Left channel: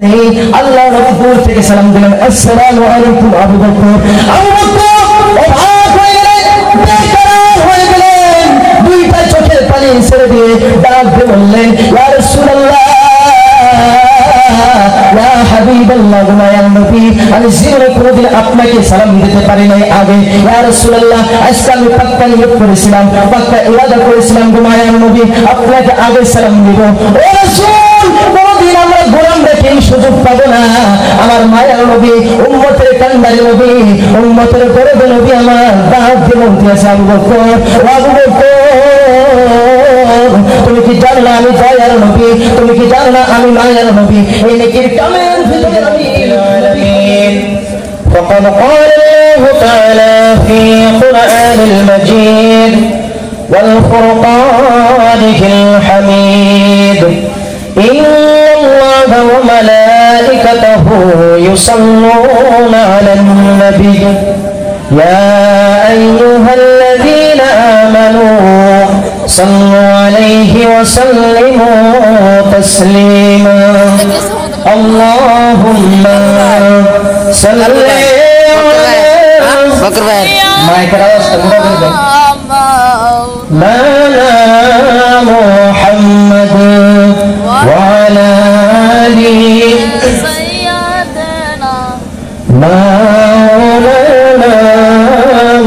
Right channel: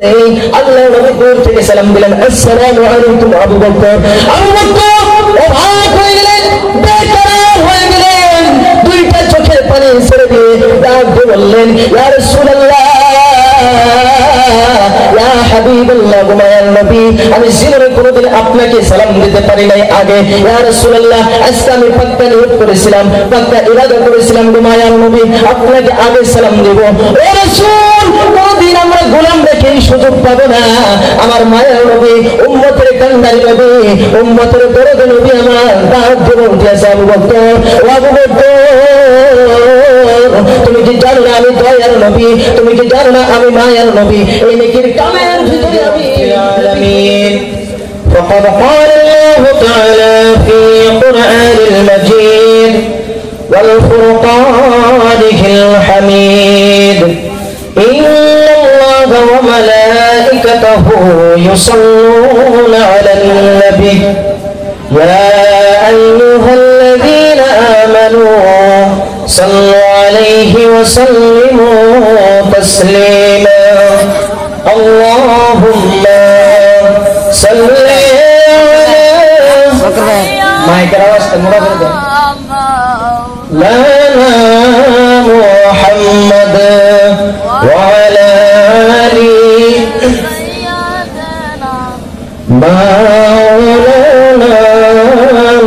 আল্লাহ নবী দূর থেকে সালাম দিলেন, আসসালামু আলাইকুম আবু বকর। আবু বকর অবাক হয়ে বেকার হয়ে গেলেন, দুইটা চোখের পানি ছেড়ে দিয়ে ডাক দিয়ে বললেন, ইয়া রাসূলুল্লাহ, ইয়া হাবিবাল্লাহ, মায়ার নবী, আমি জীবনে কোনোদিন আপনাকে সালাম দিতে পারি নাই আগে। ইয়া রাসূলুল্লাহ, আজকে আমি পাক্কা নিয়ত করেছিলাম, পাক্কা ইরাদা করেছিলাম গো মায়ার নবী, আপনাকে আগে সালাম দেব। ও রাসূল, কোনদিন আমরা গোলাম রেখে এই সুযোগ পাবো না। আমার মায়ের নবী, উম্মতের কান্দারি নবী, উম্মতের দরদ নবী আমার ডাক দিয়ে বলতেছে, আবু বকর, আবু বকর, তুমি কি জানো না আমি দয়ার নবী? তুমি কি জানো না আমি মায়ের নবী? এই নেকির কামের ভিতরে আমি فقد قال الله تعالى في قرآن المجيد والفرقانه الحميد إن الله وملائكته يصلون على النبي يا أيها الذين آمنوا صلوا عليه وسلموا تسليما اللهم صل على محمد وعلى آله مولانا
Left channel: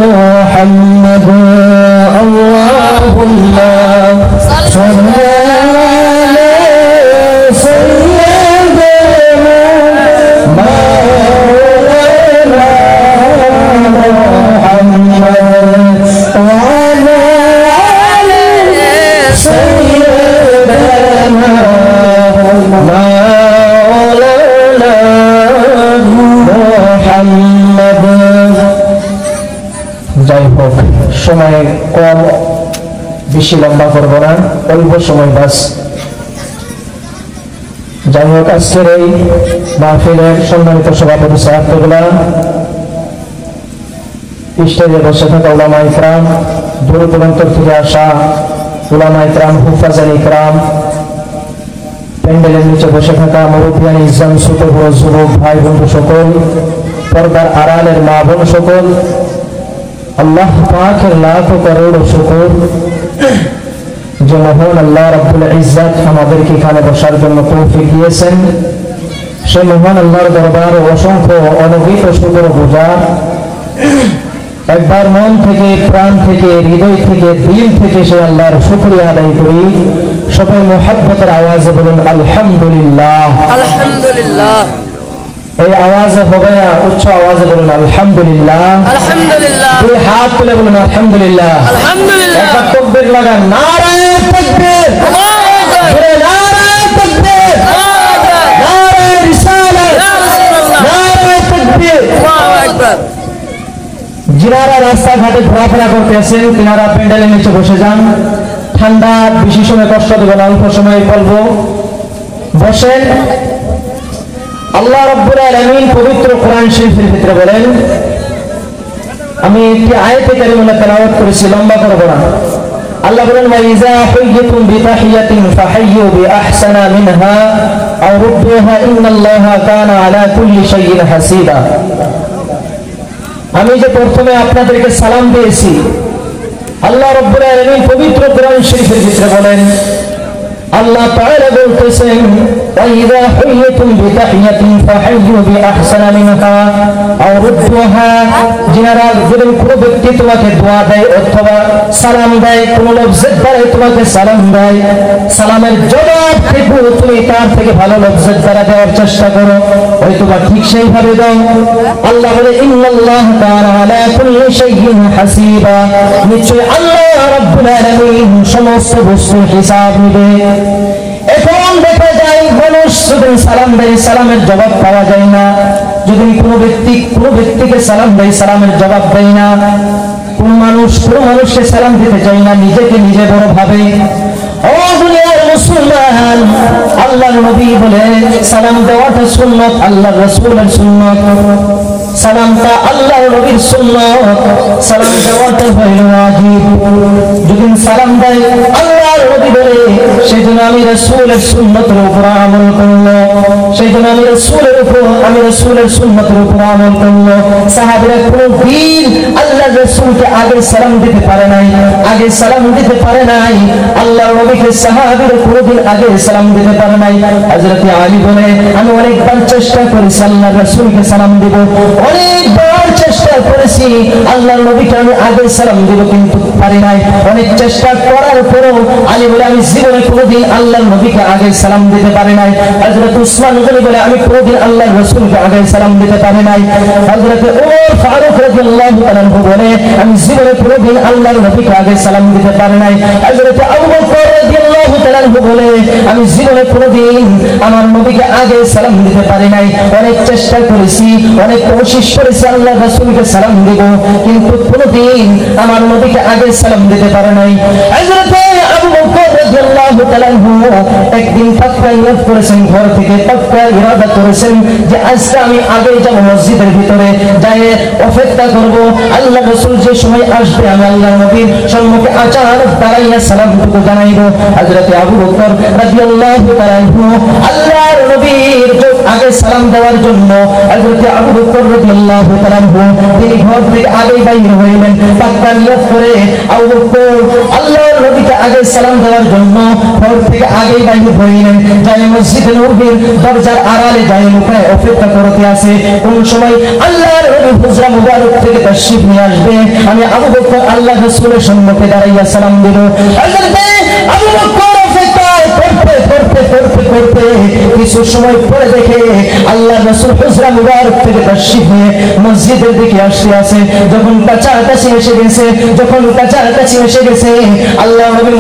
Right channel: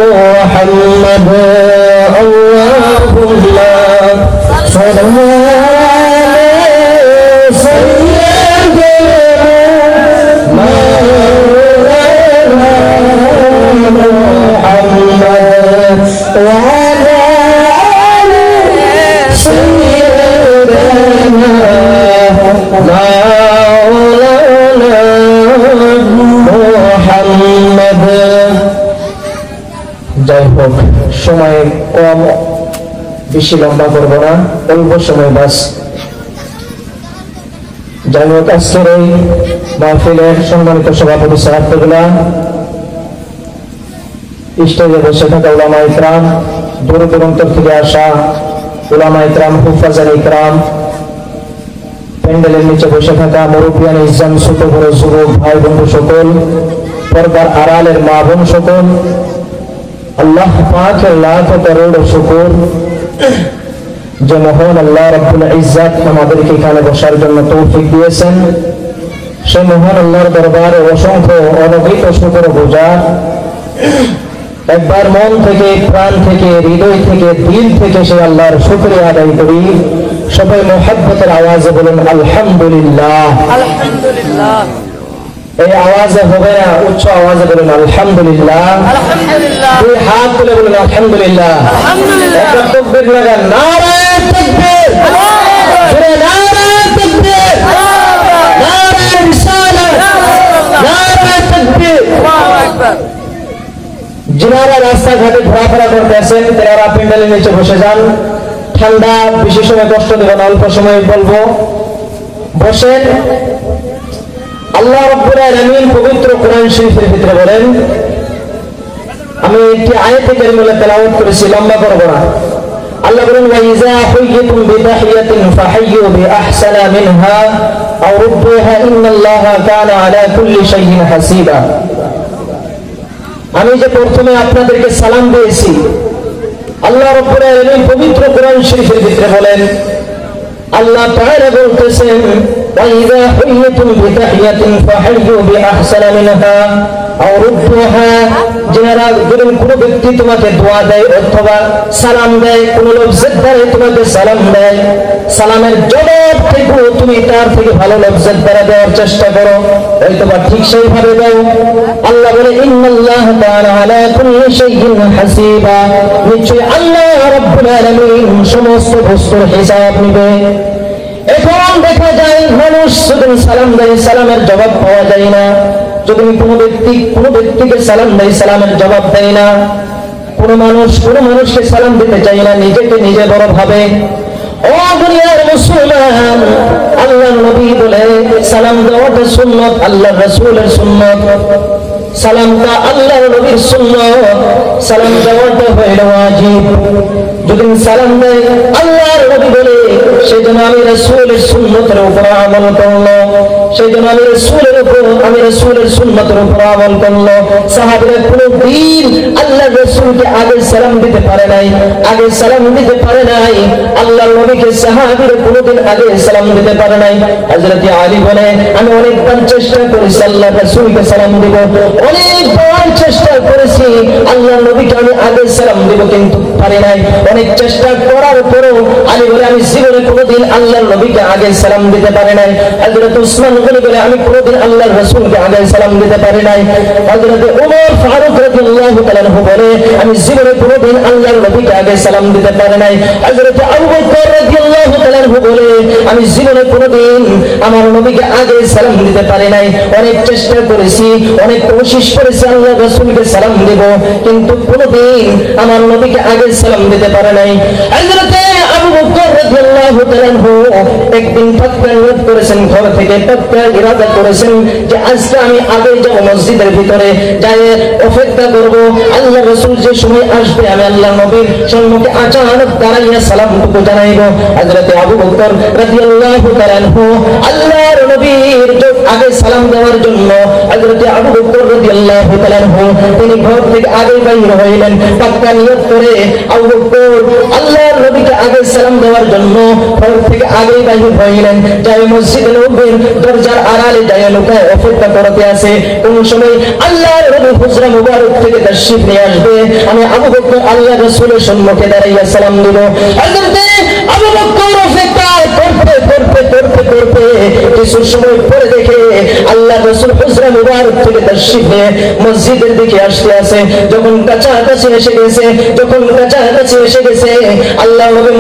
محمد اللهم صل على سيدنا مولانا محمد وعلى آل سيدنا مولانا محمد। যাই হোক, সময় কম, বেশি লম্বা করবো না, অল্প সময় বাস। যাই হোক, আজকের এই মাহফিলের সম্মানিত সভাপতি সাহেবগুলা, স্টেজে বসে থাকা উলামা ইকরাম, দূর দূরান্তর থেকে আসা উলামা ইকরাম, হুফাজান ইকরাম, প্যান্ডেলের নিচে বসে থাকা মুরব্বিয়ান ইসলাম, ছোট বড় যুবক ভাই বন্ধু সকল, পর্দার আড়ালের মা বোন সকল, আল্লাহ পাকের লাখ করোড় শুকর যে মহান আল্লাহ রাব্বুল ইজ্জত আমাদেরকে এখানে বসার জন্য তৌফিক দিয়েছেন। সে মহান আল্লাহর দরবারে অসংখ্য অনগিত শুকর গুজার। একবার মন থেকে, প্রাণ থেকে, হৃদয় থেকে, দিল থেকে সে আল্লাহর শুকরিয়া আদায় করি। সবাই মুহাব্বতের আওয়াজে বলুন আলহামদুলিল্লাহ। আলহামদুলিল্লাহ। এই আওয়াজে হবে না, উচ্চ আওয়াজে বলুন আলহামদুলিল্লাহ। আলহামদুলিল্লাহ। দুই হাত তুলে বলুন আলহামদুলিল্লাহ। আলহামদুলিল্লাহ। একটা তাকবীর লাগান, নারে তাকবীর, নারে তাকবীর, নারে রিসালাত, নারে তাকবীর। আল্লাহু আকবার। যিনারা রাস্তাঘাটে ঘোরাফেরা করতেছেন তেনারা প্যান্ডেলের নিচে বসে যান। ঠান্ডা, বেশি সময় কষ্ট দেবেন, অল্প সময় বলবো, বসেন। আল্লাহ রাব্বুল আলামিন পবিত্র কোরআন শরীফের ভিতরে বলেন, আমি একটি আয়াতে কারিমা তেলাওয়াত করেছি, লম্বা করব না। আল্লাহ বলেন, ওয়া ইযা হুয়িতুম বিতাহিয়াতিন ফাহাইয়ু বিআহসানা মিনহা আও রুদ্দুহা ইন্নাল্লাহা কানা আলা কুল্লি শাইইন হাসিবা। আমি যে প্রথমে আপনাদেরকে সালাম দিয়েছি, আল্লাহ রাব্বুল আলামিন পবিত্র কোরআন শরীফের ভিতরে বলেন, আল্লাহ তাআলা বলতেছেন, ওয়া ইযা হুয়িতুম বিতাহিয়াতিন ফাহাইয়ু বিআহসানা মিনহা আও রুদ্দুহা। যারা কোনো ব্যক্তি তোমাকে দোয়া দেয় অথবা সালাম দেয়, কোন লফজের দ্বারা তোমাকে সালাম দেয়, সালামের জবাব থেকে তুমি তার থেকে ভালো লফজের দ্বারা দেওয়ার চেষ্টা করো, হয়তো বা ঠিক সেইভাবে দাও। আল্লাহ বলে, ইন্নাল্লাহা কানা আলা কুল্লি শাইইন হাসিবা। নিশ্চয় আল্লাহ রাব্বুল আলামিন সমস্ত বস্তুর হিসাব নেবে। এখন দেখা যায় মানুষ যদি সালাম দেয়, সালামের জবাব পাওয়া যায় না। যদি কোনো ব্যক্তিকে সালাম দেয়, সালামের জবাব দেয় না। কোনো মানুষকে সালাম দিতে চায় না, নিজেকে নিজে বড় ভাবে। ও দুনিয়ার মুসলমান, আল্লাহর নবী বলে সালাম দেওয়াটা সুন্নাত, আল্লাহর রাসূলের সুন্নাত। সালামটা আল্লাহর নবীর সুন্নাত, সালাম দেওয়াটা হলো ওয়াজিব। যদি সালাম দেয় আল্লাহর নবী বলে সেজন্য আমি রাসূলের সুন্নতের উপর আমল করলো, সেজন্য আমি রাসূলের সুন্নতের উপর আমল করলো। সাহাবীরা কোনদিন আল্লাহর রাসূলকে আগে সালাম দিতে পারে নাই, আগে সালাম দিতে পারে নাই। আল্লাহর নবীকে সাহাবীরা কোনদিন আগে সালাম দিতে পারে নাই। হযরত আলী বলে আমি অনেকবার চেষ্টা করেছি আল্লাহর রাসূলকে সালাম দিব, অনেকবার চেষ্টা করেছি আল্লাহর নবীকে আমি আগে সালাম দিব, কিন্তু পারি নাই। অনেক চেষ্টা করার পরেও আলী বলে আমি জীবনে কোনদিন আল্লাহর নবীকে আগে সালাম দিতে পারি নাই। হযরত উসমান গনি বলে আমি কোনদিন আল্লাহর রাসূলকে আগে সালাম দিতে পারি নাই। হযরত ওমর ফারুক রাদিয়াল্লাহু তাআলা বলে আমি জীবনে কোনদিন আল্লাহর নবীকে আগে সালাম দিতে পারি নাই। হযরত আবু বকর রাদিয়াল্লাহু তাআলা বলে আমি জীবনে কোনদিন আমার নবীকে আগে সালাম দিতে পারি নাই। অনেক চেষ্টা করেছি, অনেক কোশিশ করেছি আল্লাহর রাসূলকে সালাম দেব, কিন্তু কোনদিন আমার নবীকে আগে সালাম দিতে পারে নাই। হযরত আবু বকর রাদিয়াল্লাহু তাআলা একদিন পাক্কা নিয়ত করেছেন, ঘর থেকে পাক্কা ইরাদা করেছেন যে আজকে আমি আগে যাব, মসজিদের ভিতরে যাই অপেক্ষা করব, আল্লাহর রাসূল যে সময় আসবে আমি আল্লাহর নবীর সম্মুখে আচানক দাঁড়াইয়া সালামটুকু জানাইব। হযরত আবু বকর রাদিয়াল্লাহু তাআলা আল্লাহর নবীর আগে সালাম দেওয়ার জন্য হযরত আবু বকর রাদিয়াল্লাহু তাআলা তিনি ঘর থেকে আগে বাইর হইলেন, পাক্কা নিয়ত করে আবু বকর আল্লাহর নবীকে আগে সালাম দেওয়ার জন্য ঘর থেকে আগে বাইর হইলেন। যাই মসজিদে নববীর দরজার আড়ালে যাই লুকায় অপেক্ষা করতে আছে, কোন সময় আল্লাহর নবী হুজরা মুবারক থেকে তাশরীফ নিয়ে আসবে, আমি আবু বকর আল্লাহর রাসূলের সম্মুখে দাঁড়াইয়া সালাম দেব। হযরত আবু বকর অপেক্ষা করতে কিছু সময় পরে দেখে আল্লাহর রাসূল হুজরা মুবারক থেকে তাশরীফ নিয়ে মসজিদের দিকে আসতে আছে। যখন কাছাকাছি এসে গেছে আল্লাহর নবী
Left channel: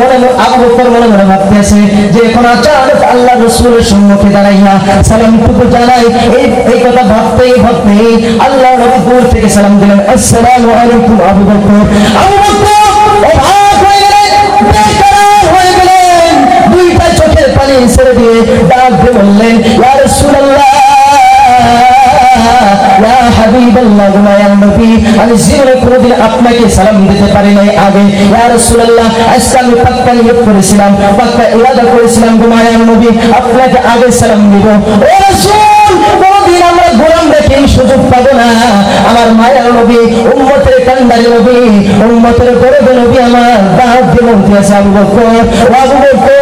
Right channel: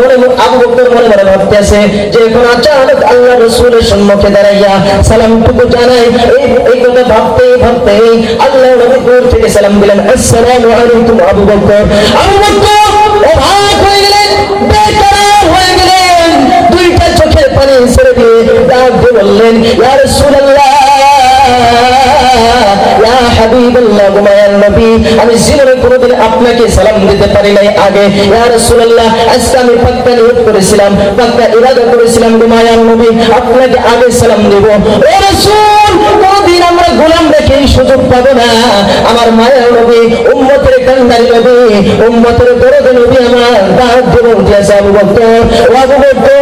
আবু বকর মনে মনে ভাবতে আছে যে এখন আচানক আল্লাহর রাসূলের সম্মুখে দাঁড়াইয়া সালামটুকু জানাই। এই কথা ভাবতেই আল্লাহর নবী দূর থেকে সালাম দিলেন, আসসালামু আলাইকুম আবু বকর। আবু বকর অবাক হয়ে গেলেন, দুইটা চোখের পানি ছেড়ে দিয়ে ডাক দিয়ে বললেন, ইয়া রাসূলুল্লাহ, ইয়া হাবিবাল্লাহ, মায়ার নবী, আমি জীবনে কোনদিন আপনাকে সালাম দিতে পারি নাই আগে। ইয়া রাসূলুল্লাহ, আজকে আমি পাক্কা নিয়ত করেছিলাম, পাক্কা ইরাদা করেছিলাম মায়ার নবী আপনাকে আগে সালাম দিব। ও রাসূল, কোনদিন আমরা গোলাম রেখে সুযোগ পাবো না। আমার মায়ার নবী, উম্মতের কান্ডারি নবী, উম্মতের দরদ নবী আমার ডাক দিয়ে বলতেছে, আবু বকর, আবু বকর,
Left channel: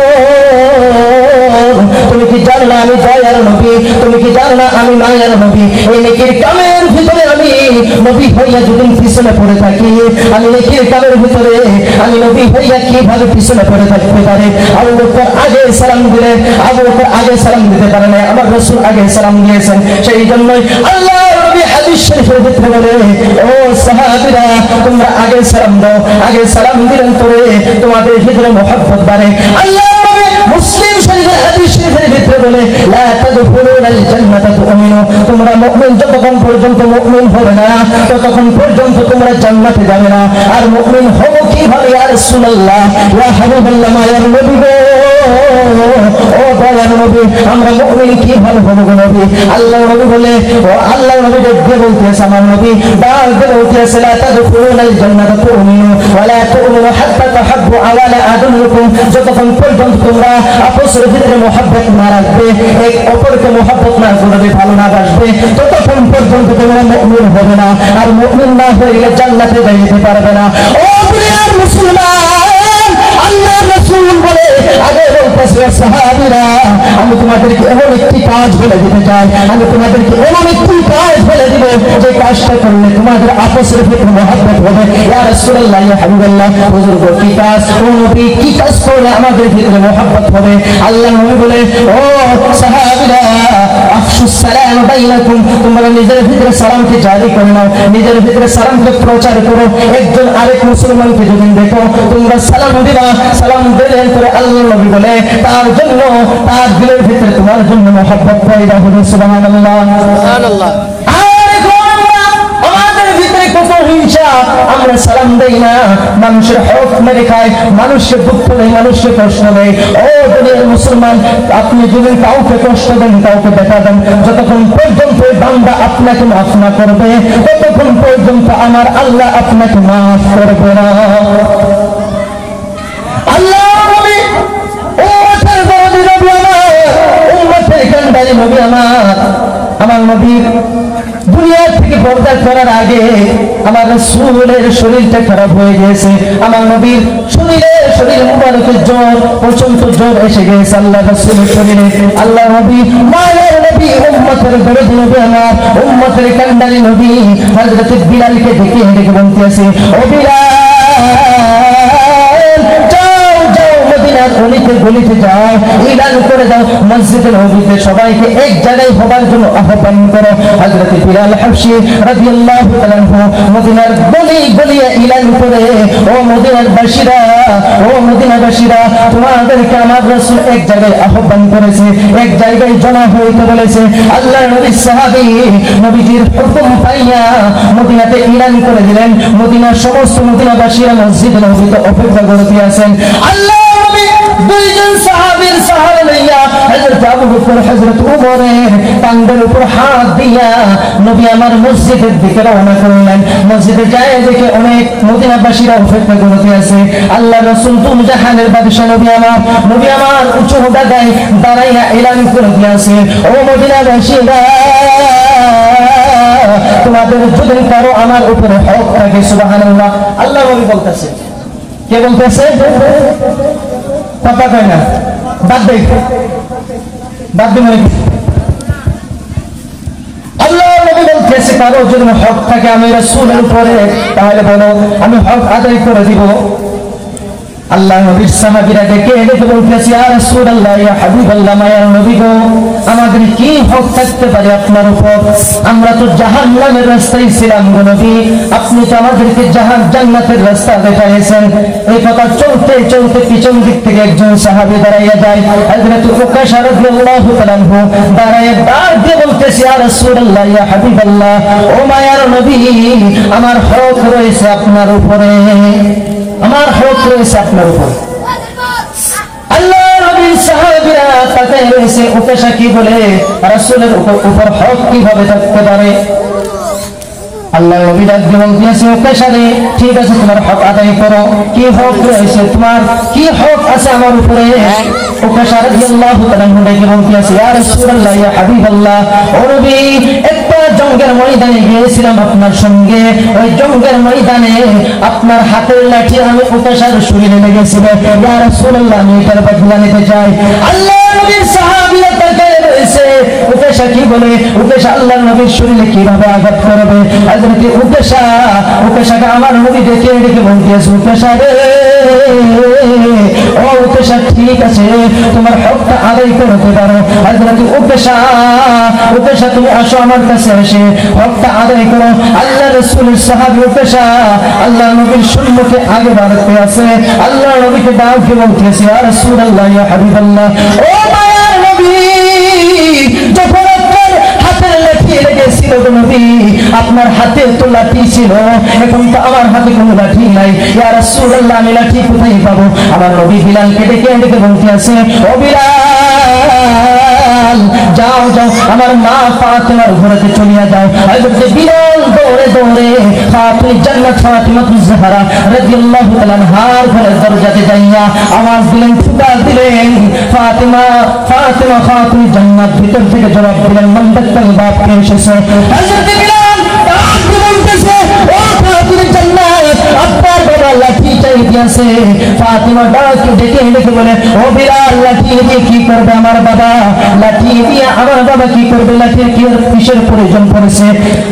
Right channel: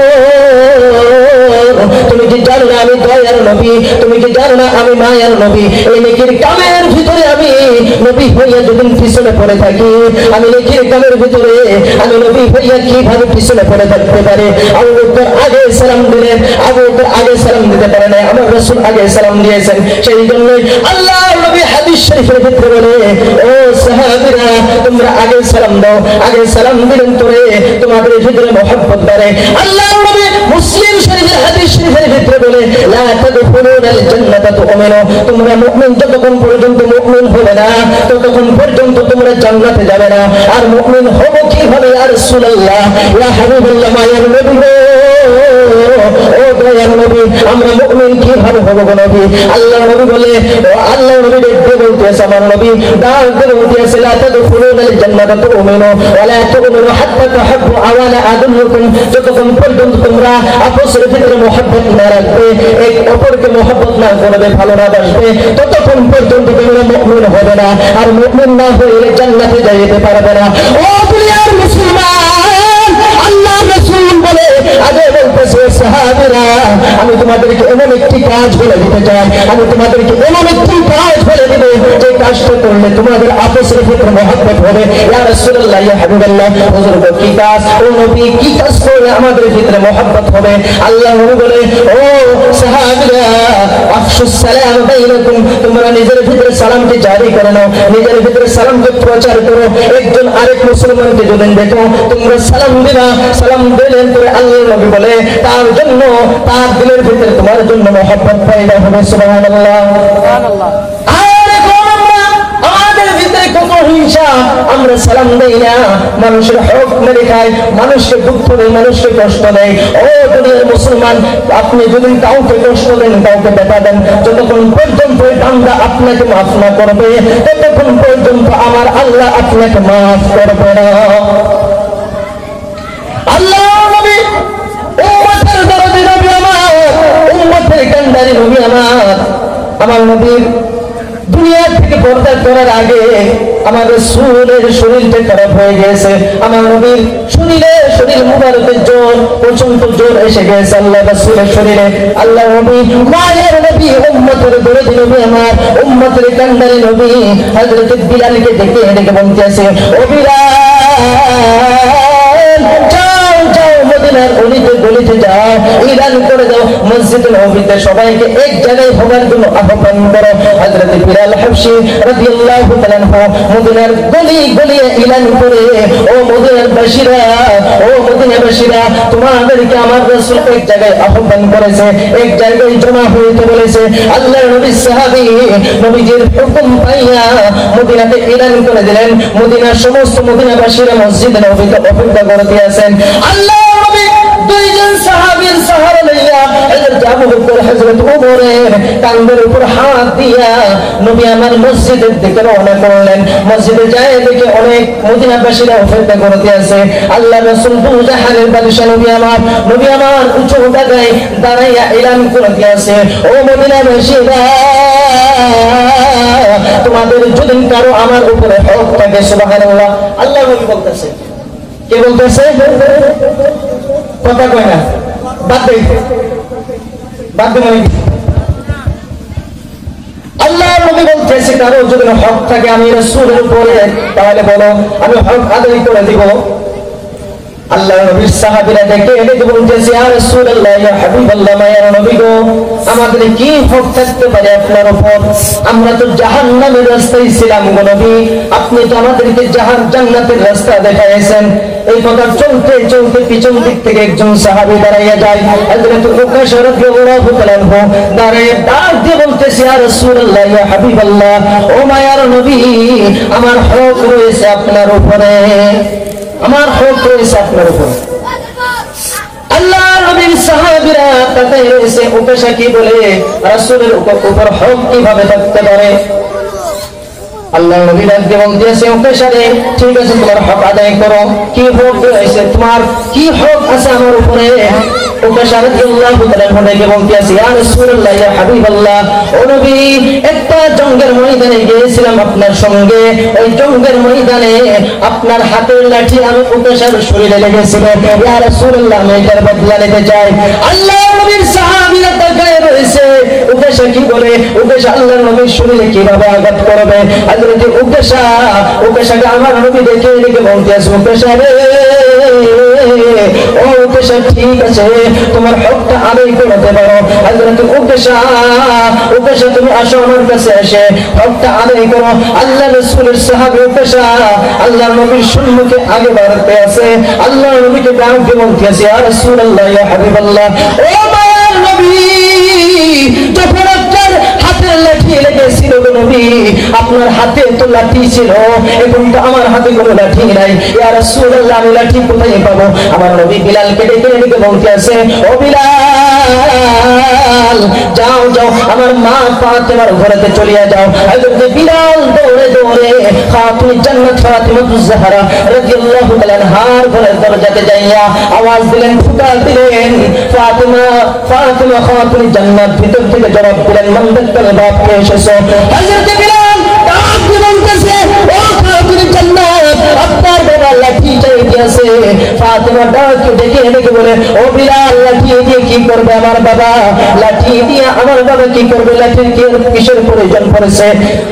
তুমি কি জানো না আমি দয়ার নবী, তুমি কি জানো না আমি মায়ার নবী? এই নেকির কামের ভিতরে আমি নবী হইয়া যদি পিছনে পড়ে থাকি, আমি নেকির কামের ভিতরে আমি নবী হইয়া কিভাবে পিছনে পড়ে থাকতে পারে? আবু বকর আগে সালাম দিলেন, আবু বকর আগে সালাম দিতে পারে না, আমার রাসূল আগে সালাম দিয়েছেন। সেই জন্যই আল্লাহর নবী হাদিস শরীফের ভিতরে বলে, ও সাহাবীরা, তোমরা আগে সালাম দাও, আগে সালাম দিলেন তোরে তোমাদের ভিতরে মহব্বত বাড়ে। আল্লাহর নবী মুসলিম শরীফের হাদিস শরীফের ভিতরে বলে, লা তাদখুলুনাল জান্নাতা তুমিনু, তোমরা মুমিন যতক্ষণ পর্যন্ত মুমিন হবে না ততক্ষণ পর্যন্ত তোমরা জান্নাতে যাবে না। আর মুমিন হবো কিভাবে ইয়া রাসূলুল্লাহ, ইয়া হাবিবাল্লাহ, মায়ার নবী গো, ও দয়ার নবী, আমরা মুমিন কিভাবে হবো গো নবী? আল্লাহর নবী বলে, ও আল্লাহর নবী দেখতে বলতেছে, আমার নবী ডাক দিয়ে বলতেছে, লা তাদখুলুনাল জান্নাতা তুমিনু ওয়া লা তুমিনু হাত্তা তুহিব্বু আওয়ালা আদুল্লুকুম, যতক্ষণ পর্যন্ত তোমরা আপসের ভিতরে মহব্বত না রাখবে, এক অপরকে মহব্বত না করবে, ভালো না বাসবে, ততক্ষণ পর্যন্ত তোমরা মুমিন হবে না। আর মুমিন না হইলে জান্নাতে যাইতে পারবে না। ও প্রিয় মুসলমান, আল্লাহর রাসূল বলে, আগে বলতেছে, সাহাবীরা, আমি তোমাদেরকে এমন একটি কাজ বলে দিতে চাই, আমি তোমাদেরকে এমন একটি কাজ বলে দিব যে কাজটা করলে তোমাদের আপসের ভিতরে মহব্বত হবে। ইয়া রাসূলুল্লাহ, ইয়া হাবিবাল্লাহ, হুজুর গো কি কাজ, ও নবী কি কাজ করলে আমাদের ভিতরে মহব্বত হবে? আল্লাহ নবী বলে, ও সাহাবীরা, আফশুস সালাম বাইনাকুম, তোমরা নিজের ভিতরে সালামকে জারি করে নাও, নিজের ভিতরে সালামকে প্রচার করো। একজন আরেক মুসলমানকে যদি দেখো তোমরা সালাম দিবা, সালাম দিলেন করে আল্লাহ নবী বলে তার জন্য, তার দিলের ভিতরে তোমার জন্য মহব্বত পয়দা হবে। সুবহানাল্লাহ, সুবহানাল্লাহ। আমরা সালাম দেই না, মানুষের হক মেরে খাই, মানুষকে দুঃখ দেয়, মানুষকে কষ্ট দেয়। ও দুনিয়ার মুসলমান, আপনি যদি কাউকে কষ্ট দেন, কাউকে ব্যথা দেন, যতক্ষণ পর্যন্ত বান্দা আপনাকে মাফ না করবে ততক্ষণ পর্যন্ত আমার আল্লাহ আপনাকে মাফ করবে না। আল্লাহ নবী উম্মতের দরদি নবী আমার, উম্মতের কান্ডারি নবী আমার নবীর দুনিয়া থেকে পর্দা করার আগে আমার রাসূলের শরীরটা খারাপ হয়ে গেছে। আমার নবীর শরীর মুবারকের জ্বর, প্রচন্ড জ্বর এসে গেছে আল্লাহ রাসূলের শরীরে। আল্লাহ নবী মায়ের নবী উম্মতের দরদি নবী আমার, উম্মতের কান্ডারি নবী হযরত বিলালকে ডেকে বলতেছে, ও বিলাল মদিনার অলিতে গলিতে যাও, ইলান করে দাও মসজিদে নববীতে সবাইকে এক জায়গায় হবার জন্য আহ্বান করো। হযরত বিলাল হাবশী রাদিয়াল্লাহু তাআলা মদিনার গলিয়ে ইলান করে, ও মদিনার বাসীরা তোমাদেরকে আমার রাসূল এক জায়গায় আহ্বান করেছে, এক জায়গায় জমা হইতে বলেছে। আল্লাহর নবী সাহাবী নবীজির হুকুম পাইয়া মদিনাতে ইলান করে দিলেন। মদিনার সমস্ত মদিনাবাসীরা মসজিদে নববীতে অপেক্ষা করতে আছেন। আল্লাহ দুইজন সাহাবীর সাহারা লইয়া হযরত আবু বকর হযরত ওমরের কাঁধের উপর হাত দিয়া নবী আমার মসজিদের দিকে রওনা করলেন। মসজিদে যায় দেখে অনেক মদিনাবাসীরা অপেক্ষা করতে আছে। আল্লাহ রাসূল দুজাহানের বাদশা নবী আমার উঁচু জায়গায় দাঁড়াইয়া এলান করে দিয়েছে, ও মদিনাবাসীরা তোমাদের যদি কারো আমার উপরে হক থাকে, সুবহানাল্লাহ, আল্লাহ নবী বলতেছে, কে বলতেছে? কথা কয় না, বাদ দে মানে আল্লাহ নবী বলতেছে কারো যদি হক থাকে আমি রাসূলের উপরে, তাহলে বলো আমি হক আদায় করে দিব। আল্লাহ নবীর সাহাবীরা ডেকে বলতেছে, ইয়া রাসূলুল্লাহ, ইয়া হাবিবাল্লাহ, মায়ার নবী গো, আমাদের কি হক থাকতে পারে আপনার উপর? আমরা তো জাহান্নামের রাস্তায় ছিলাম গো নবী, আপনি তো আমাদেরকে জান্নাতের রাস্তা দেখাইছেন। এই কথা চলতে চলতে পিছন দিক থেকে একজন সাহাবী দাঁড়াইয়া যায়। হযরত উকাশা রাদিয়াল্লাহু তাআলা দাঁড়ায় ডাক দিয়ে বলতেছে, ইয়া রাসূলুল্লাহ, ইয়া হাবিবাল্লাহ, ও মায়ার নবী, আমার হক রয়েছে আপনার উপরে, আমার হক রয়েছে আপনার উপর। আল্লাহ নবীর সাহাবীরা তাকায় রয়েছে, উকাশা কি বলে রাসূলের উপর হক কিভাবে থাকতে পারে? আল্লাহ নবী ডাক দিয়ে বলতেছে, উকাশা রে, ঠিক আছে তোমার হক আদায় করো, কি হক রয়েছে তোমার, কি হক আছে আমার উপরে? উকাশা রাদিয়াল্লাহু তাআলা ডেকে বলতেছে, ইয়া রাসূলুল্লাহ, ইয়া হাবিবাল্লাহ, ও নবী, একটা জঙ্গের ময়দানে গিয়েছিলাম আপনার সঙ্গে, ওই জঙ্গের ময়দানে আপনার হাতের লাঠি আমি উকাশার শরীরে লেগেছিল, ইয়া রাসূলুল্লাহ, আমি এটার বদলা নিতে চাই। আল্লাহ নবীর সাহাবীরা তাকায় রয়েছে, উকাশা কি বলে, উকাশা আল্লাহর নবীর শরীরে কিভাবে আঘাত করবে? হযরত উকাশাকে আমার নবী দেখে বলতেছে, উকাশা রে, ও উকাশা, ঠিক আছে তোমার হকটা আদায় করতে পারো। হযরত উকাশা তুমি আসো আমার কাছে, এসে হকটা আদায় করো। আল্লাহ রাসূলের সাহাবী উকাশা আল্লাহ নবীর সম্মুখে আগে বাড়তে আছে। আল্লাহ নবীকে ডাক দিয়ে বলতেছে, ইয়া রাসূলুল্লাহ, ইয়া হাবিবাল্লাহ, ও মায়ার নবী, যখন আপনার হাতের লাঠি লেগেছিল নবী, আপনার হাতে তো লাঠি ছিল, এখন তো আমার হাতে কোনো লাঠি নাই, ইয়া রাসূলুল্লাহ, আমি লাঠি কোথায় পাবো? আমার নবী বিলালকে ডেকে বলতে আছে, ও বিলাল, যাও আমার মা ফাতেমার ঘরেতে চলিয়া যাও। হযরত বিলাল দৌড়ে খাতুন জান্নাত ফাতিমাতুজ জাহরা রাদিয়াল্লাহু তাআলা আনহার ঘরের দরজাতে যাইয়া আওয়াজ দিলেন, ফুটা দিলেন, ফাতেমা খাতুন জান্নাত, ভিতর থেকে জবাব দিলেন, মান দাক্কাল বাপ, কে এসেছে? হযরত বিলাল ডাক দিয়ে বলতেছে, ও খাতুন জান্নাত, আপনার বাবা লাঠি চাইতেছে। ফাতেমা ডাক দেখে বলে, ও বিলাল, লাঠি দিয়ে কি করবে আমার বাবা? লাঠি দিয়ে আমার বাবা কি করবে? লাঠির কিসের প্রয়োজন পড়েছে?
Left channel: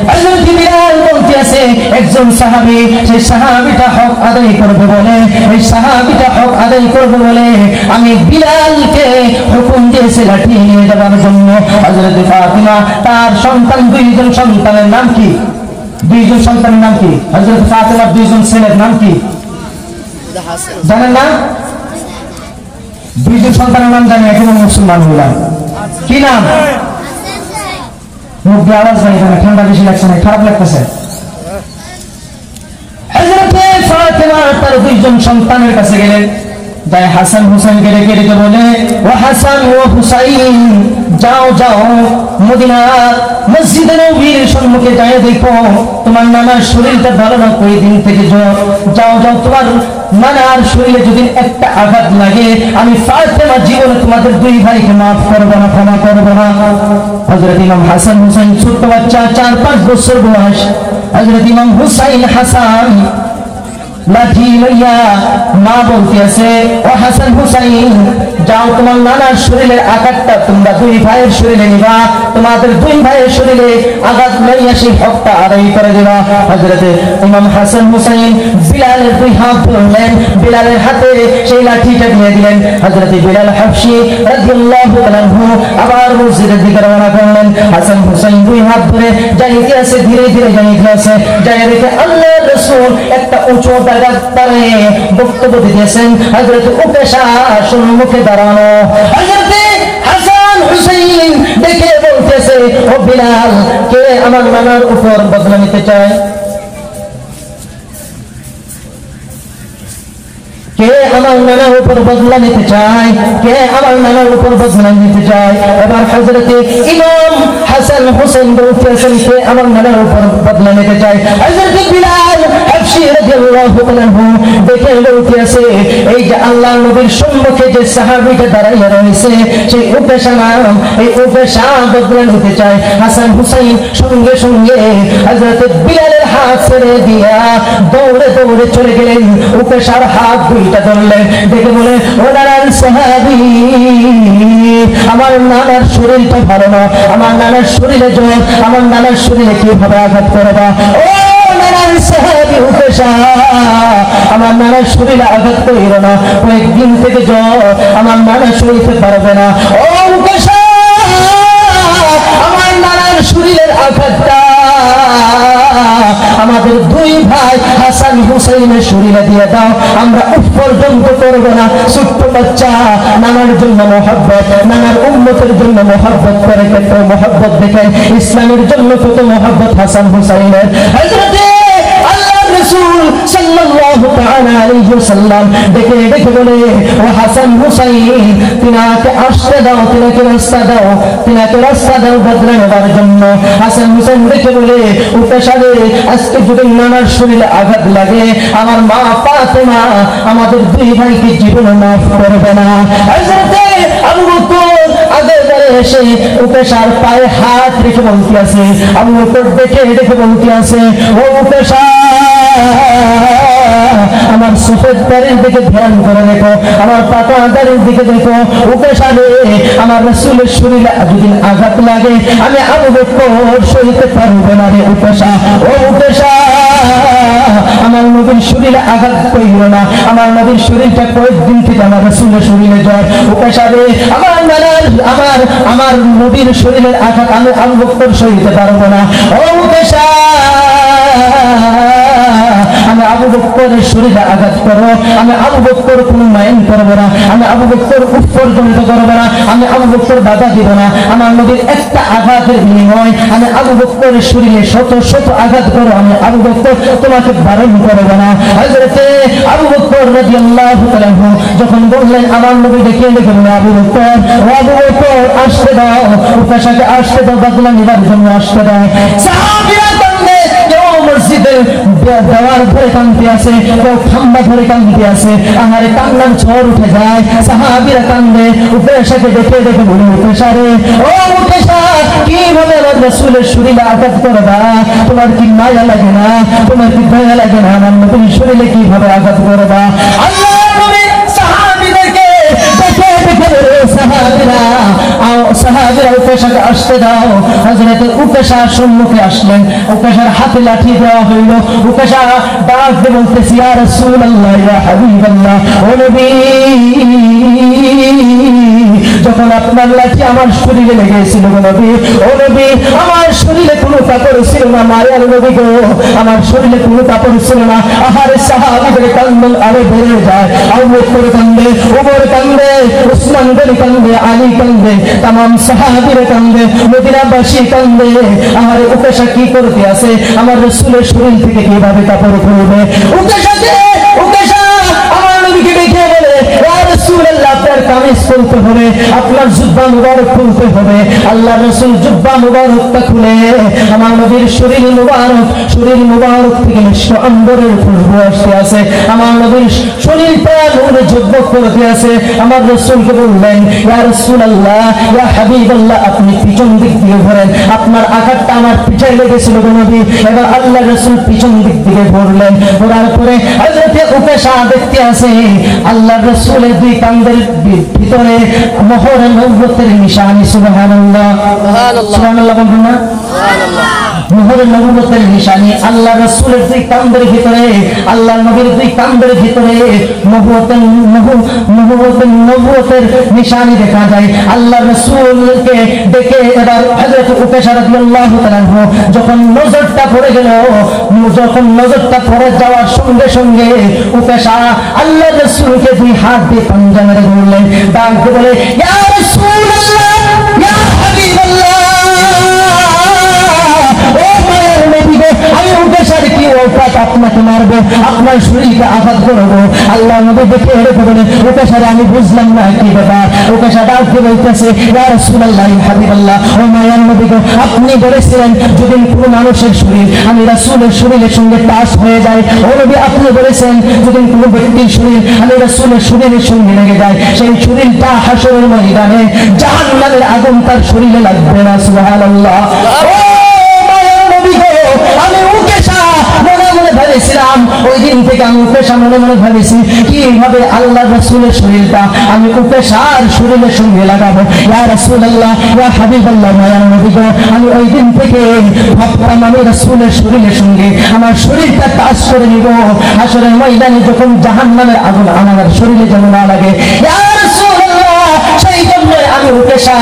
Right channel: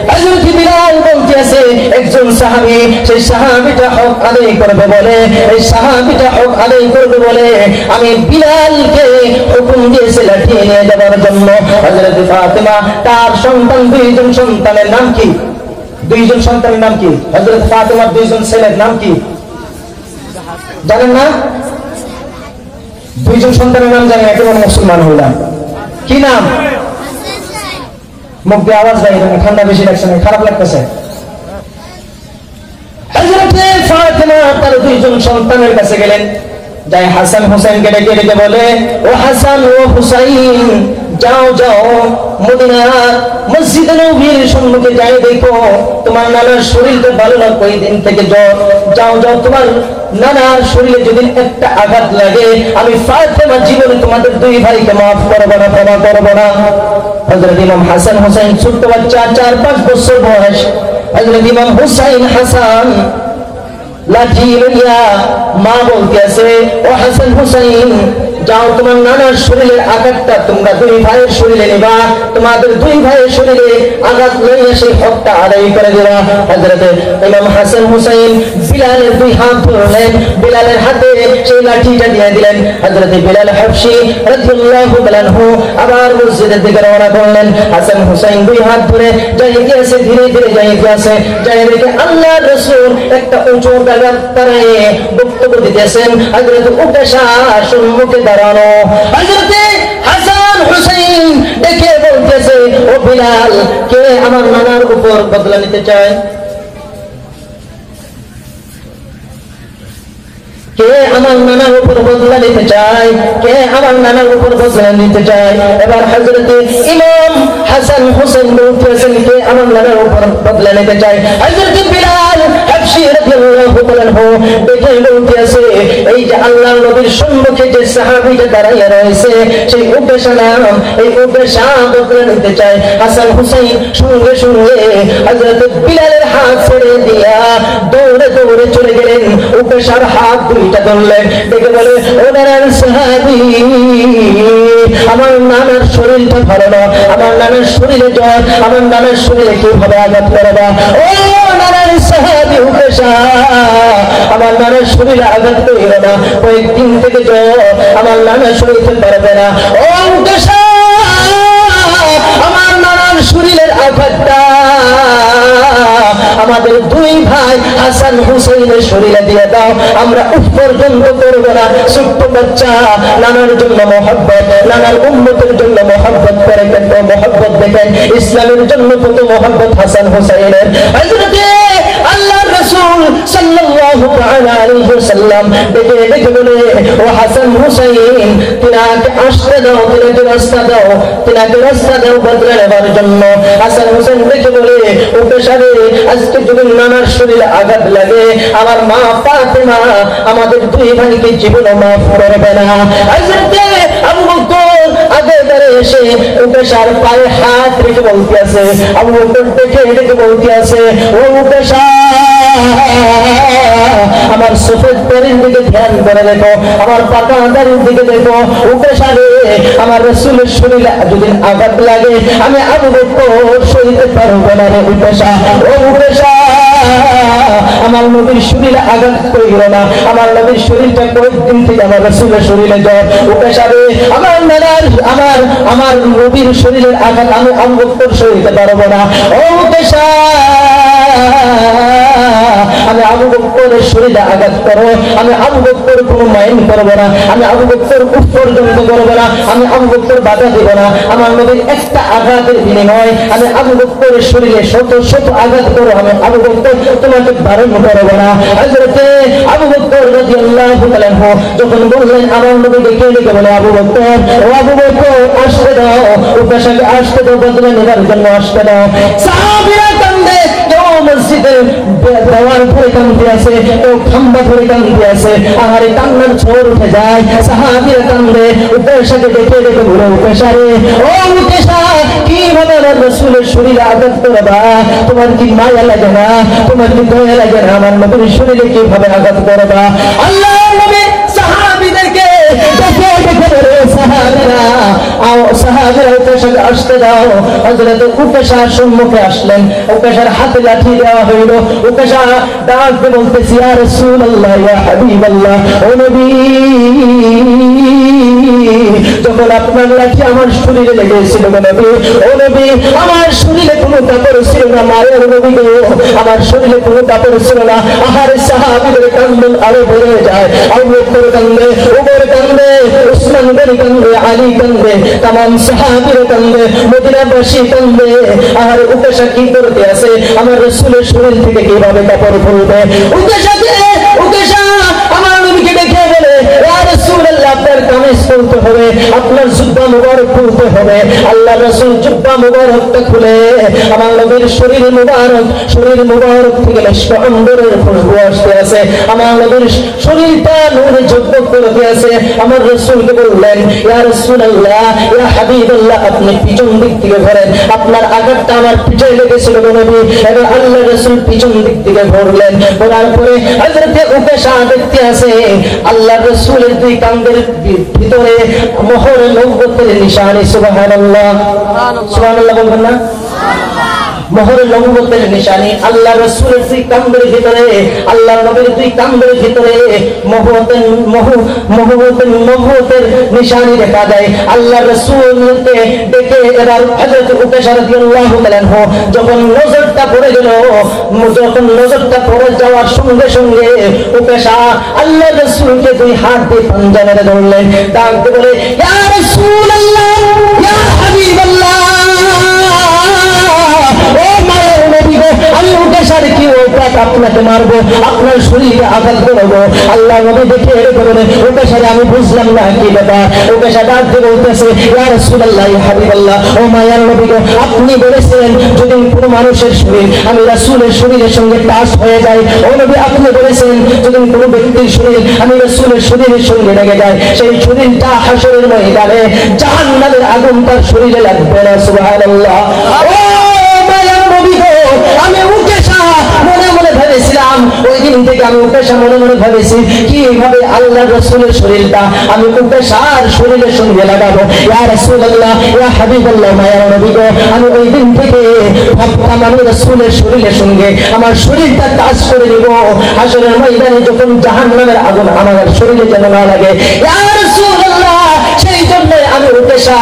হযরত বিলাল বলতে আছে, একজন সাহাবী, সেই সাহাবীটা হক আদায় করবে বলে, এই সাহাবীটা হক আদায় করবে বলে আমি বিলালকে হুকুম দিয়েছি লাঠি নিয়ে যাবার জন্য। হযরত ফাতেমা তার সন্তান, দুইজন সন্তানের নাম কি? দুইজন সন্তানের নাম কি? হযরত ফাতেমার দুইজন ছেলের নাম কি জানেন না? দুইজন সন্তানের নাম জানেন, এখন মুসলমান হলাম, কি নাম? মুখ দিয়ে আওয়াজ নাই, ঠান্ডা বেশি লাগছে না, খারাপ লাগতেছে। হযরত ফাতেমা তার দুইজন সন্তানের কাছে গেলেন, যাই হাসান হুসাইনকে ডেকে ডেকে বলে, ও হাসান ও হুসাইন, যাও যাও মদিনা মসজিদে নববীর সম্মুখে যাই, দেখো তোমার নানার শরীরটা ভালো না, কই দিন থেকে জ্বর। যাও যাও তোমার নানার শরীরে যদি একটা আঘাত লাগে, আমি ফাতেমা জীবনে তোমাদের দুই ভাইকে মাফ করবো না, ক্ষমা করবো না। হযরত ইমাম হাসান হুসাইন ছোট্ট বাচ্চা, 4-5 বছর বয়স। হযরত ইমাম হুসাইন হাসান লাঠি লইয়া মা বলতে আছে, ও হাসান হুসাইন, যাও তোমার নানার শরীরের আঘাতটা তোমরা দুই ভাইয়ের শরীরে নিবা, তোমাদের দুই ভাইয়ের শরীরে আঘাত লইয়া সেই হকটা আদায় করে দেবা। হযরত ইমাম হাসান হুসাইন বিলালের দুই হাত ধরলেন, বিলালের হাতে সেই লাঠিটা দিয়ে দিলেন। হযরত বিলাল হাবশী রাদিয়াল্লাহু তাআলা আনহু আবার মসজিদের দিকে রওনা করলেন। হাসান হুসাইন দুই হাত ধরে যাইতে আছে, ধীরে ধীরে যাইতে আছে, যাই দেখে আল্লাহর রাসূল একটা উঁচু তারে বক্তব্য দিতেছেন। হযরত উকাশা সম্মুখে দাঁড়ানো। হযরত হাসান হুসাইন দেখে বলতেছে, ও বিলাল, কে আমার নানার উপর বদলা নিতে চায়? কে আমার নানার উপর বদলা নিতে চায়? কে আমার নানার উপর বদলা নিতে চায়? এবার হযরত ইমাম হাসান হুসাইন বলতেছেন, কে আমার নানার উপর বদলা নিতে চায়? হযরত বিলাল হাবশী রাদিয়াল্লাহু তাআলা আনহু দেখে বলতেছে, এই যে আল্লাহর নবীর সম্মুখে যে সাহাবীটা দাঁড়াইয়া রয়েছে, সেই উকাশা নাম, এই উকাশা বদলা নিতে চায়। হাসান হুসাইন সঙ্গে সঙ্গে হযরত বিলালের হাত ছেড়ে দিয়া দৌড়ে দৌড়ে চলে গেলেন, উকাশার হাত দুইটা ধরলেন, দেখে বলে, ও নানার সাহাবী, আমার নানার শরীরটা ভালো না, আমার নানার শরীরে জ্বর, আমার নানার শরীরে কিভাবে আঘাত করবা? ও নানার সাহাবী উকাশা, আমার নানার শরীরে আঘাত করিল না, কয়েকদিন থেকে জ্বর, আমার নানার শরীরে পারবে না। ও উকাশা, আমার নানার শরীরের আঘাতটা আমাদের দুই ভাই হাসান হুসাইনের শরীরে দিয়ে দাও, আমরা উঠ পর্যন্ত করবো না। ছোট্ট বাচ্চা নানার জন্য মহব্বত, নানার উম্মতের জন্য মহব্বত করে, কিন্তু মহব্বত দেখেন ইসলামের জন্য কত মহব্বত হাসান হুসাইনের। হযরতে আল্লাহর রাসূল সাল্লাল্লাহু তাআলা আলাইহি ওয়াসাল্লাম দেখে দেখে বলে, ও হাসান হুসাইন, তিনাকে আসতে দাও, তিনাকে রাস্তা দাও, তিনাকে রাস্তা দাও বদলা নেবার জন্য। হাসান হুসাইন দেখে বলে, উকাশারে, আজকে যদি নানার শরীরে আঘাত লাগে, আমার মা ফাতেমা আমাদের দুই ভাইকে জীবনে মাফ করবে না। হযরতে আবু বকর আগে বেড়ে এসে উকাশার পায়ে হাত রেখে বলতে আছে, আবু বকর দেখে দেখে বলতে আছে, ও উকাশা, আমার সফেদ দাড়ির দিকে ধ্যান করে দেখো, আমার পাকা দাড়ির দিকে দেখো। উকাশারে, আমার রাসূলের শরীরে যদি আঘাত লাগে, আমি আবু বকর সইতে পারবো না রে উকাশা। ও উকাশা, আমার নবীর শরীরে আঘাত করিল না, আমার নবীর শরীরটা কয়েকদিন থেকে আমার রাসূলের শরীরে জ্বর। উকাশারে, আমার নানার আমার নবীর শরীরের আঘাত আমি আবু বকর সইতে পারবো না। ও উকাশা, আমি আবু বকরের শরীরে আঘাত করো, আমি আবু বকর কোনো মাইন্ড করবো না, আমি আবু বকর উঠ পর্যন্ত করবো না, আমি আবু বকর বাধা দিব না। আমার নবীর একটা আঘাতের বিনিময় আমি আবু বকরের শরীরে শত শত আঘাত করো, আমি আবু বকর তোমাকে বারণ করবো না। হযরতে আবু বকর রাদিয়াল্লাহু তাআলা আনহু যখন বললেন, আমার নবী দেখে দেখে বলে, আবু বকর, ও আবু বকর, আসতে দাও, উকাশাকে আসতে দাও, বদলা নেবার জন্য আসতে দাও। সাহাবীরা কান্দে, কেউ মসজিদের দেওয়াল ধরে কান্দতে আছে, কেউ খাম্বা ধরে কান্দতে আছে, আহারে কান্নার ঝড় উঠে যায়। সাহাবীরা কান্দে, উকাশাকে দেখে দেখে বলে, উকাশারে, ও উকাশা, কিভাবে আমার রাসূলের শরীরে আঘাত করবা? তোমার কি মায়া লাগে না? তোমার কি দয়া লাগে না? আমার নবীর শরীরে কিভাবে আঘাত করবা? আল্লাহর নবী সাহাবীদেরকে দেখে দেখে বলে, সাহাবীরা সাহাবীরা উকাশাকে আসতে দাও। হযরত উকাশা সম্মুখে আসলেন, উকাশার হাতে লাঠি দেওয়া হইল। উকাশা ডাক দিয়ে বলতেছে, ইয়া রাসূলুল্লাহ, ইয়া হাবিবাল্লাহ, ও নবী, যখন আপনার লাঠি আমার শরীরে লেগেছিল নবী, ও নবী, আমার শরীরে কোনো কাপড় ছিল না, মায়ের নবী গো, আমার শরীরে কোনো কাপড় ছিল না। আহারে সাহাবীদের কান্দন আরো বেড়ে যায়। আবু বকর কান্দে, ওমর কান্দে, উসমান গনি কান্দে, আলী কান্দে, तमाम সাহাবীরা কান্দে, মদিনাবাসী কান্দে। আহারে উকাশা কি করতে আছে? আমার রাসূলের শরীর থেকে কিভাবে কাপড় খুলবে? উকাশা আমার নবীকে দেখে বলে, ইয়া কামিজ খুলতে হবে, আপনার জুব্বা মুবারক খুলতে হবে। আল্লাহ রাসূল জুব্বা মুবারকটা খুলে আমার নবীর শরীর মুবারক থেকে মিষ্টি অন্তরের খুশবু আসতে আছে, আমার নবীর শরীরটা নূরে ঝকঝক করতে আছে। আমার রাসূলকে বললেন, ইয়া রাসূলুল্লাহ, ইয়া হাবিবাল্লাহ, আপনি পিছন দিক থেকে ঘোরেন, আপনার আঘাতটা আমার পিঠে লেগেছিল গো নবী। এবার আল্লাহ রাসূল পিছন দিক থেকে ঘুরলেন, ঘোরার পরে হযরতে উকাশা দেখতে আছে আল্লাহ রাসূলের দুই কাঁধের ভিতরে মোহর নবুয়তের নিশানি। সুবহানাল্লাহ, সুবহানাল্লাহ বলবেন না? মোহর নবুয়তের নিশানি আল্লাহ রাসূলের দুই কাঁধের ভিতরে, আল্লাহ নবীর দুই কাঁধের ভিতরে নবুয়তের নিশানি দেখা যায়। আল্লাহ রাসূলকে দেখে এবার হযরত উকাশা রাদিয়াল্লাহু তাআলা যখন নজরটা পড়ে যাওয়ার সঙ্গে সঙ্গে উকাশা আল্লাহ রাসূলকে দুই হাত দিয়ে পাঞ্জা মেরে ধরলেন, ডাক দিয়ে বলে, ইয়া রাসূলুল্লাহ, ইয়া হাবিবাল্লাহ, আমি উকাশার কি ওইটাত আপনাকে মারবো, আপনার শরীরে আঘাত করবো। আল্লাহ নবী দেখে এরকম বলে, উকাশারে আমি বুঝলাম না কি ব্যাপার। উকাশা ডাক দিয়ে বলতেছে, ইয়া রাসূলুল্লাহ, ইয়া হাবিবাল্লাহ, ও মায়ার নবী গো, আপনি বলেছিলেন যদি কোনো মানুষের শরীর আমি রাসূলের শরীরের সঙ্গে টাচ হয়ে যায়, ও নবী আপনি বলেছেন যদি কোনো ব্যক্তির শরীর আমি রাসূলের শরীরের সঙ্গে লেগে যায়, সেই শরীরটা হাশরের ময়দানে জাহান্নামের আগুন তার শরীরে লাগবে না। সুবহানাল্লাহ। আমি উকাশা মনে মনে ভেবেছিলাম, ওই দিন থেকে আমি উকাশা মনে মনে ভেবেছি কিভাবে আল্লাহ রাসূলের শরীরটা আমি উকাশার শরীরের সঙ্গে লাগাবো। ইয়া রাসূলুল্লাহ, ইয়া হাবিবাল্লাহ, মায়ার নবী গো, আমি ওই দিন থেকে ভাবতাম আমি রাসূলের শরীরের সঙ্গে আমার শরীরটা টাচ করে নিব, হাশরের ময়দানে যখন জাহান্নামের আগুন আমার শরীরে যেন না লাগে। ইয়া রাসূলুল্লাহ, সেই জন্য আমি উকাশা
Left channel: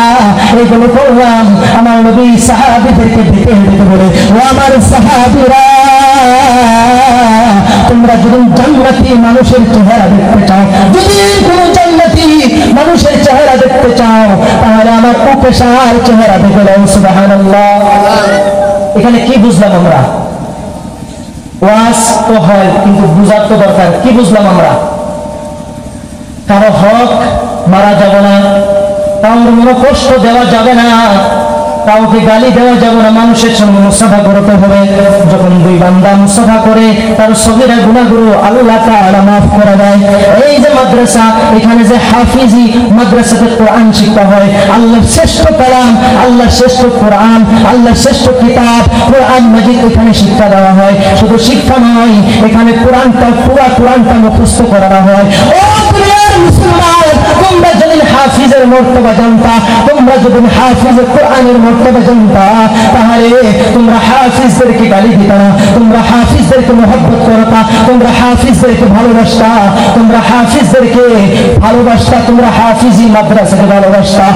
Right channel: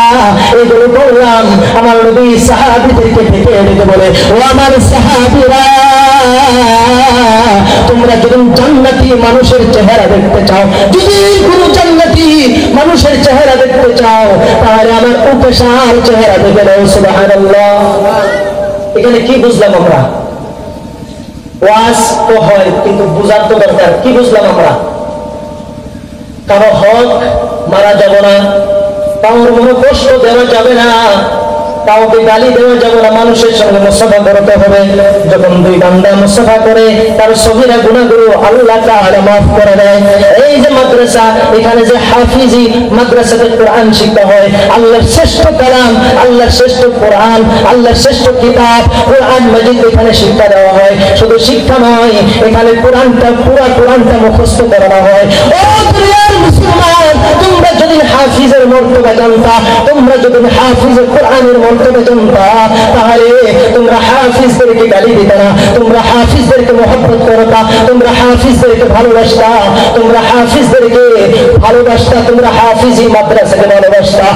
এইগুলো করলাম। আমার নবী সাহাবীদেরকে ডেকে ডেকে বলে, ও আমার সাহাবীরা, তোমরা যদি জান্নাতি মানুষের চেহারা দেখতে চাও, যদি কোনো জান্নাতি মানুষের চেহারা দেখতে চাও, তাহলে আমার উকাশার চেহারা দেখে নাও। সুবহানাল্লাহ। এখানে কি বুঝলাম আমরা? ওয়াজ তো হয়, কিন্তু বুঝার তো দরকার। কি বুঝলাম আমরা? কারো হক মারা যাবে না, কারোর মনে কষ্ট দেওয়া যাবে না, কাউকে গালি দেওয়া যাবে না, মানুষের সঙ্গে মুসাফা করতে হবে। যখন দুই বান্দা মুসাফা করে তার সগীরা গুনাহগুলো আল্লাহ তাআলা মাফ করে দেয়। এই যে মাদ্রাসা, এখানে যে হাফিজি মাদ্রাসাতে কোরআন শিক্ষা হয়, আল্লাহর শ্রেষ্ঠ কালাম, আল্লাহর শ্রেষ্ঠ কোরআন, আল্লাহর শ্রেষ্ঠ কিতাব কোরআন মাজিদ এখানে শিক্ষা দেওয়া হয়। শুধু শিক্ষা নয়, এখানে পুরো কোরআনটা মুখস্থ করানো হয়। তোমরা যদি হাফিজের মর্তবা জানতা, তোমরা যদি হাফিজের কোরআনের মর্তবা জানতা, তাহলে তোমরা হাফিজদেরকে গালি দিতা না, তোমরা হাফিজদেরকে মহব্বত করতা, তোমরা হাফিজদেরকে ভালোবাসতা, তোমরা হাফিজি মাদ্রাসাকে ভালোবাসতা।